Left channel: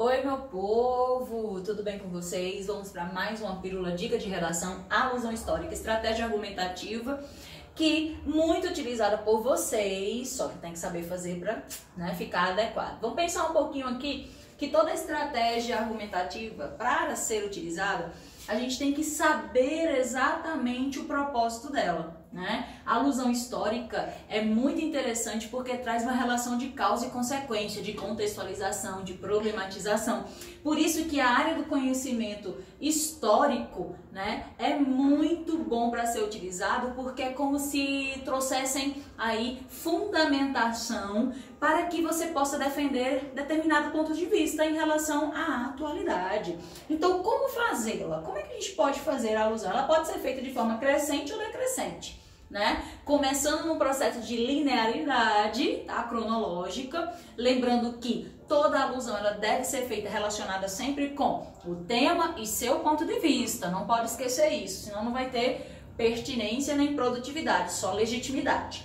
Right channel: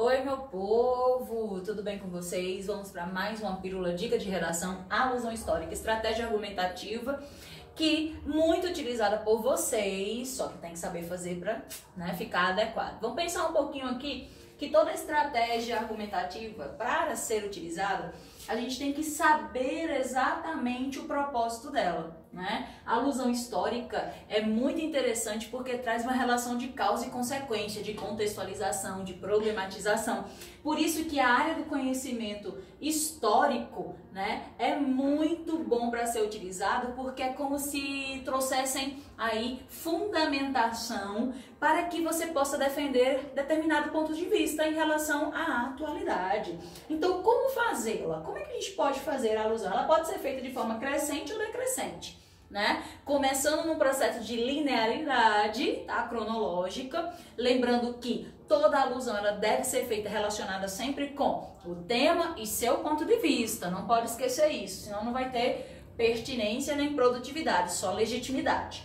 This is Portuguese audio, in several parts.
Oi, meu povo, tudo bem com vocês? Vamos para mais uma pílula dica de redação, alusão histórica, estratégia argumentativa, que muito utilizada por vocês, só que tem que saber fazer para ficar adequado. Vamos pensar um pouquinho aqui que toda estratégia argumentativa, para ser utilizada, a gente tem que saber exatamente o propósito dela, né? A alusão histórica é muito interessante porque traz uma relação de causa e consequência, de contextualização, de problematização. Por isso que a área do conhecimento histórico, né, é muito bom para ser utilizado, porque é como se trouxessem aí fundamentação para que você possa defender determinado ponto de vista em relação à atualidade. Então, como fazê-la? Como é que a gente pode fazer a alusão? Ela pode ser feita de forma crescente ou decrescente, né? Começando num processo de linearidade, tá? Cronológica, lembrando que toda alusão ela deve ser feita relacionada sempre com o tema e seu ponto de vista. Não pode esquecer isso, senão não vai ter pertinência nem produtividade, só legitimidade.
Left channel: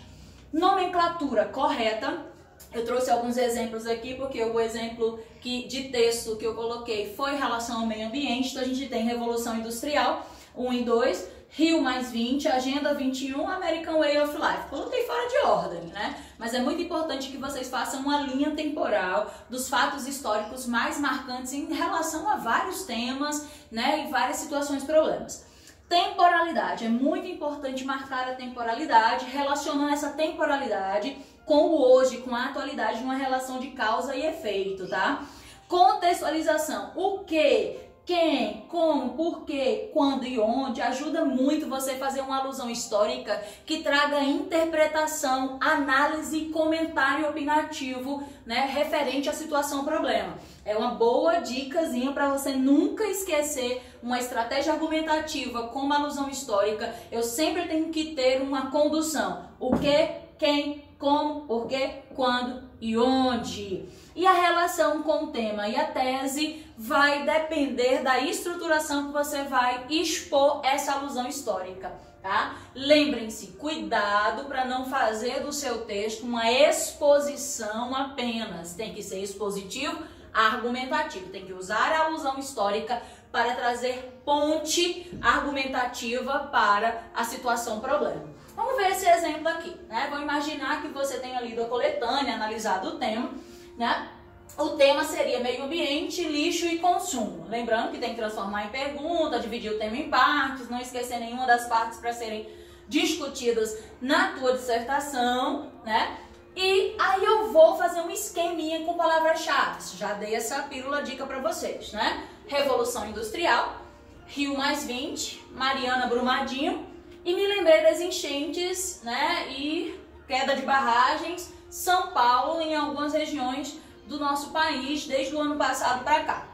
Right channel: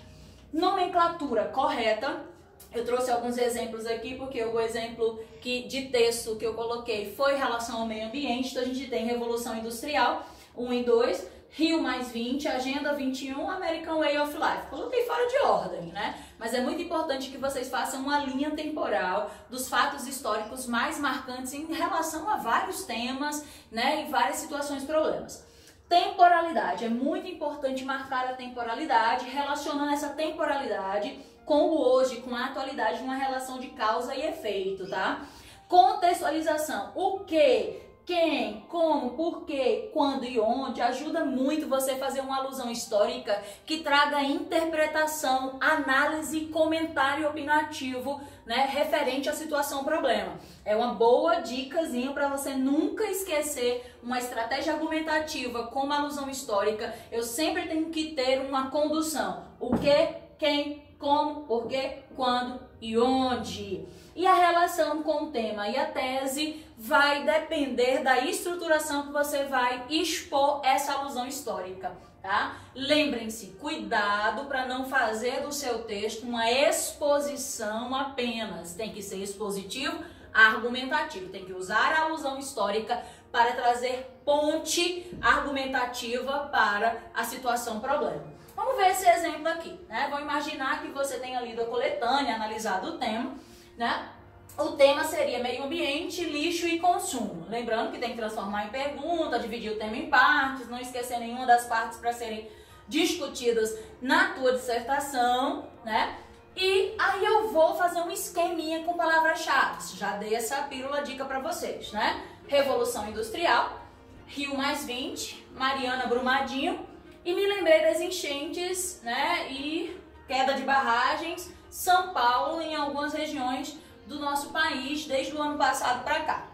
Nomenclatura correta. Eu trouxe alguns exemplos aqui, porque o exemplo de texto que eu coloquei foi em relação ao meio ambiente. Então, a gente tem Revolução Industrial 1 e 2, Rio mais 20, Agenda 21, American Way of Life. Coloquei fora de ordem, né? Mas é muito importante que vocês façam uma linha temporal dos fatos históricos mais marcantes em relação a vários temas, né? E várias situações e problemas. Temporalidade. É muito importante marcar a temporalidade, relacionando essa temporalidade com o hoje, com a atualidade, numa relação de causa e efeito, tá? Contextualização. O que, quem, como, porquê, quando e onde ajuda muito você a fazer uma alusão histórica que traga interpretação, análise e comentário opinativo, né, referente à situação problema. É uma boa dicasinha para você nunca esquecer uma estratégia argumentativa como alusão histórica. Eu sempre tenho que ter uma condução. O que, quem, como, porquê, quando e onde. E a relação com o tema e a tese vai depender da estruturação que você vai expor essa alusão histórica, tá? Lembrem-se, cuidado para não fazer do seu texto uma exposição apenas. Tem que ser expositivo, argumentativo. Tem que usar a alusão histórica para trazer ponte argumentativa para a situação problema. Vamos ver esse exemplo aqui, né? Vou imaginar que você tenha lido a coletânea, analisado o tema, né? O tema seria meio ambiente, lixo e consumo. Lembrando que tem que transformar em pergunta, dividir o tema em partes, não esquecer nenhuma das partes para serem discutidas na tua dissertação, né? E aí eu vou fazer um esqueminha com palavras-chave. Já dei essa pílula dica para vocês, né? Revolução Industrial, Rio mais 20, Mariana Brumadinho, e me lembrei das enchentes, né, e queda de barragens, São Paulo, em algumas regiões do nosso país, desde o ano passado para cá.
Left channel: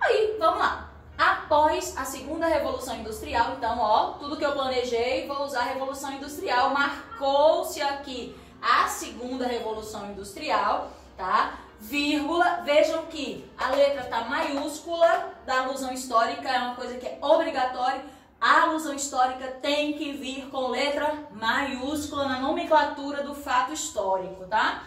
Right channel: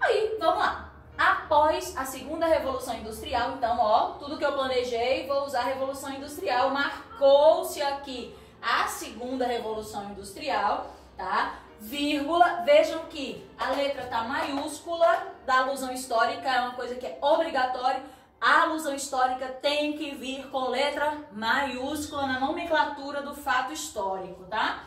Aí, vamos lá. Após a segunda Revolução Industrial, então, ó, tudo que eu planejei, vou usar a Revolução Industrial. Marcou-se aqui a segunda Revolução Industrial, tá? Vírgula, vejam que a letra tá maiúscula da alusão histórica, é uma coisa que é obrigatória. A alusão histórica tem que vir com letra maiúscula na nomenclatura do fato histórico, tá?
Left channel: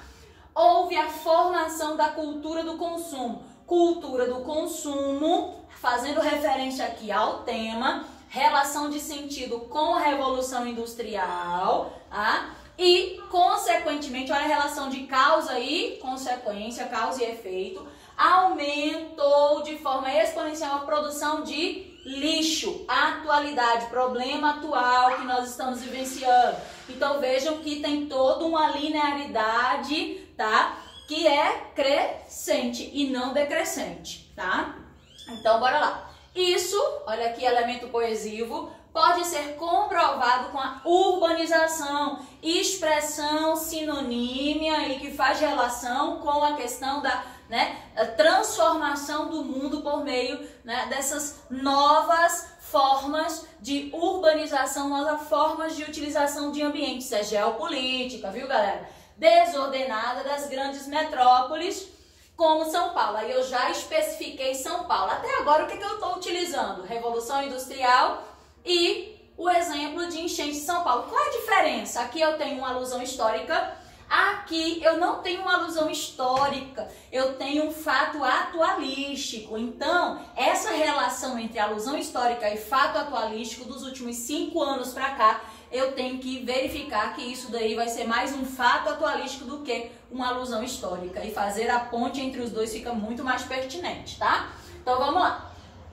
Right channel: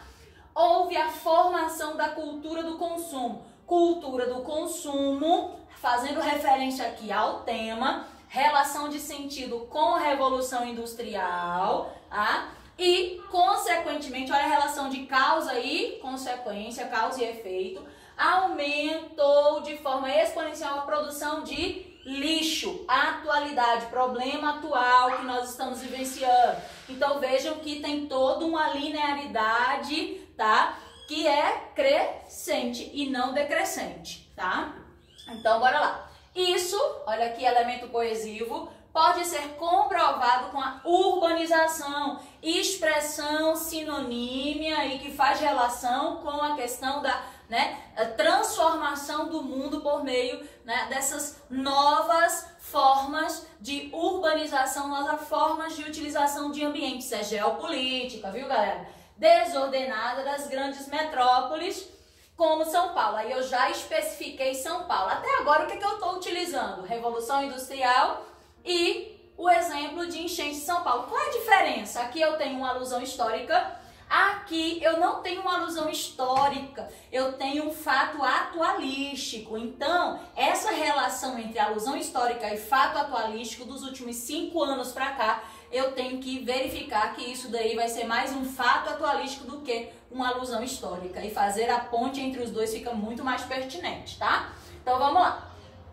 Houve a formação da cultura do consumo. Cultura do consumo, fazendo referência aqui ao tema, relação de sentido com a Revolução Industrial, tá? E, consequentemente, olha a relação de causa e consequência, causa e efeito, aumentou de forma exponencial a produção de lixo, atualidade, problema atual que nós estamos vivenciando. Então vejam que tem toda uma linearidade, tá? Que é crescente e não decrescente, tá? Então bora lá. Isso, olha aqui, elemento coesivo, pode ser comprovado com a urbanização, expressão sinonímia e que faz relação com a questão da a transformação do mundo por meio, né, dessas novas formas de urbanização, novas formas de utilização de ambientes. É geopolítica, viu, galera? Desordenada das grandes metrópoles, como São Paulo. Aí eu já especifiquei São Paulo. Até agora, o que eu estou utilizando? Revolução Industrial e o exemplo de enchente de São Paulo. Qual é a diferença? Aqui eu tenho uma alusão histórica, Aqui eu não tenho uma alusão histórica, eu tenho um fato atualístico. Então, essa relação entre alusão histórica e fato atualístico dos últimos 5 anos para cá, eu tenho que verificar que isso daí vai ser mais um fato atualístico do que uma alusão histórica. E fazer a ponte entre os dois fica muito mais pertinente, tá? Então vamos lá.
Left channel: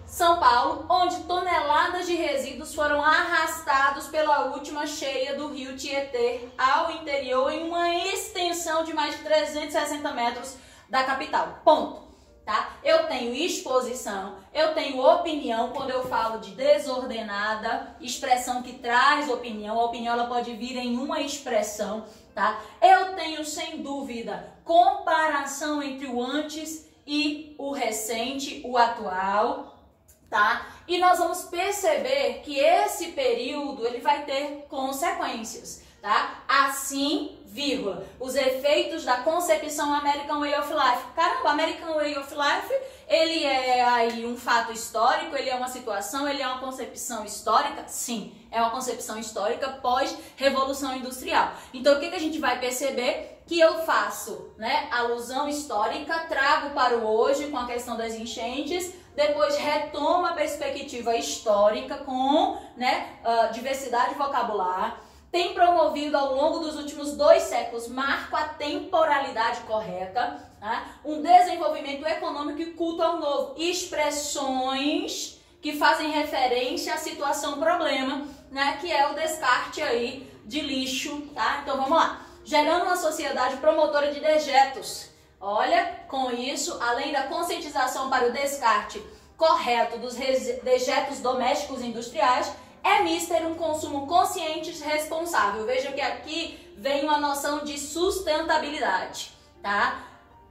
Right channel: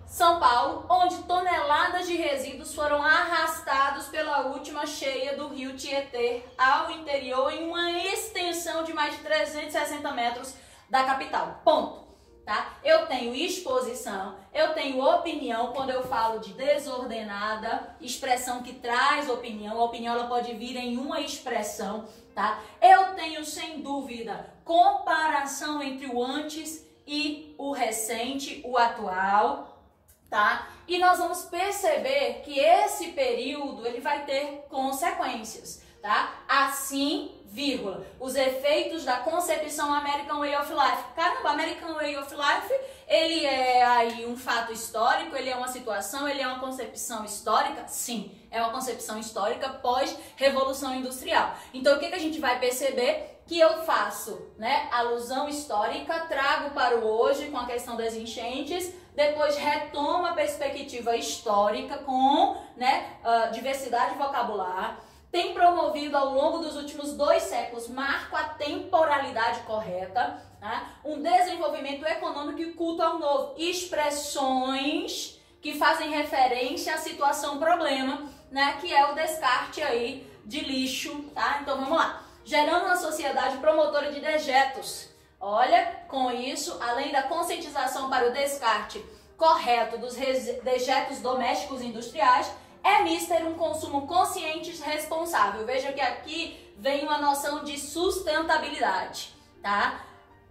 São Paulo, onde toneladas de resíduos foram arrastados pela última cheia do rio Tietê ao interior em uma extensão de mais de 360 metros da capital. Ponto. Tá? Eu tenho exposição, eu tenho opinião quando eu falo de desordenada, expressão que traz opinião. A opinião ela pode vir em uma expressão, tá? Eu tenho, sem dúvida, comparação entre o antes e o recente, o atual, tá? E nós vamos perceber que esse período ele vai ter consequências, tá? Assim, vírgula, os efeitos da concepção American Way of Life. Caramba, American Way of Life, ele é aí um fato histórico, ele é uma situação, ele é uma concepção histórica? Sim, é uma concepção histórica pós-revolução industrial. Então, o que a gente vai perceber? Que eu faço, né, alusão histórica, trago para o hoje com a questão das enchentes, depois retomo a perspectiva histórica com, né, diversidade vocabular. Tem promovido ao longo dos últimos 2 séculos, marco a temporalidade correta, né? Um desenvolvimento econômico e culto ao novo, expressões que fazem referência à situação problema, né? Que é o descarte aí de lixo, tá? Então vamos lá. Gerando uma sociedade promotora de dejetos. Olha, com isso, além da conscientização para o descarte correto dos dejetos domésticos e industriais, é mister um consumo consciente e responsável. Veja que aqui vem uma noção de sustentabilidade, tá?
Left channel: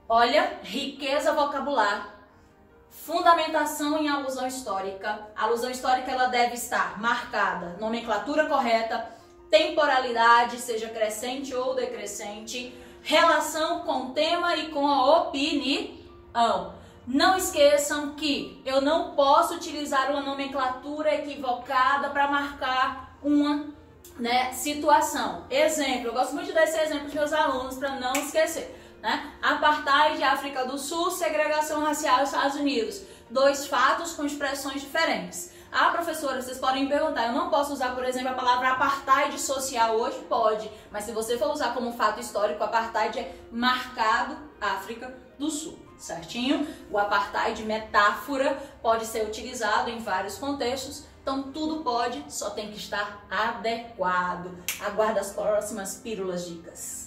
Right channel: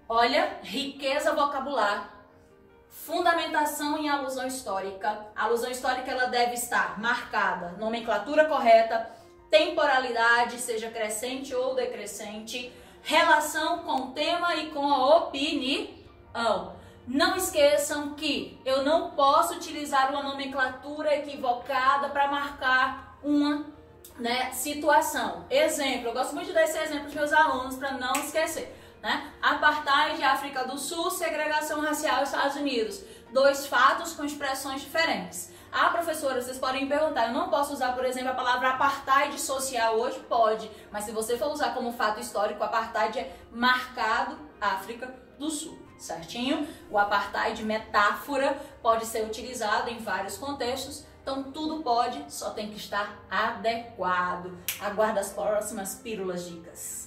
Olha, riqueza vocabular, fundamentação em alusão histórica. A alusão histórica ela deve estar marcada, nomenclatura correta, temporalidade, seja crescente ou decrescente, relação com o tema e com a opinião. Não esqueçam que eu não posso utilizar uma nomenclatura equivocada para marcar uma, né, situação. Exemplo, eu gosto muito de dar esse exemplo para os meus alunos para não esquecer, né? Apartheid, África do Sul, segregação racial, Estados Unidos. 2 fatos com expressões diferentes. Ah, professora, vocês podem me perguntar, eu não posso usar, por exemplo, a palavra apartheid social hoje? Pode, mas se você for usar como fato histórico, apartheid é marcado África do Sul, certinho? O apartheid, metáfora, pode ser utilizado em vários contextos, então tudo pode, só tem que estar adequado. Aguardo as próximas pílulas dicas.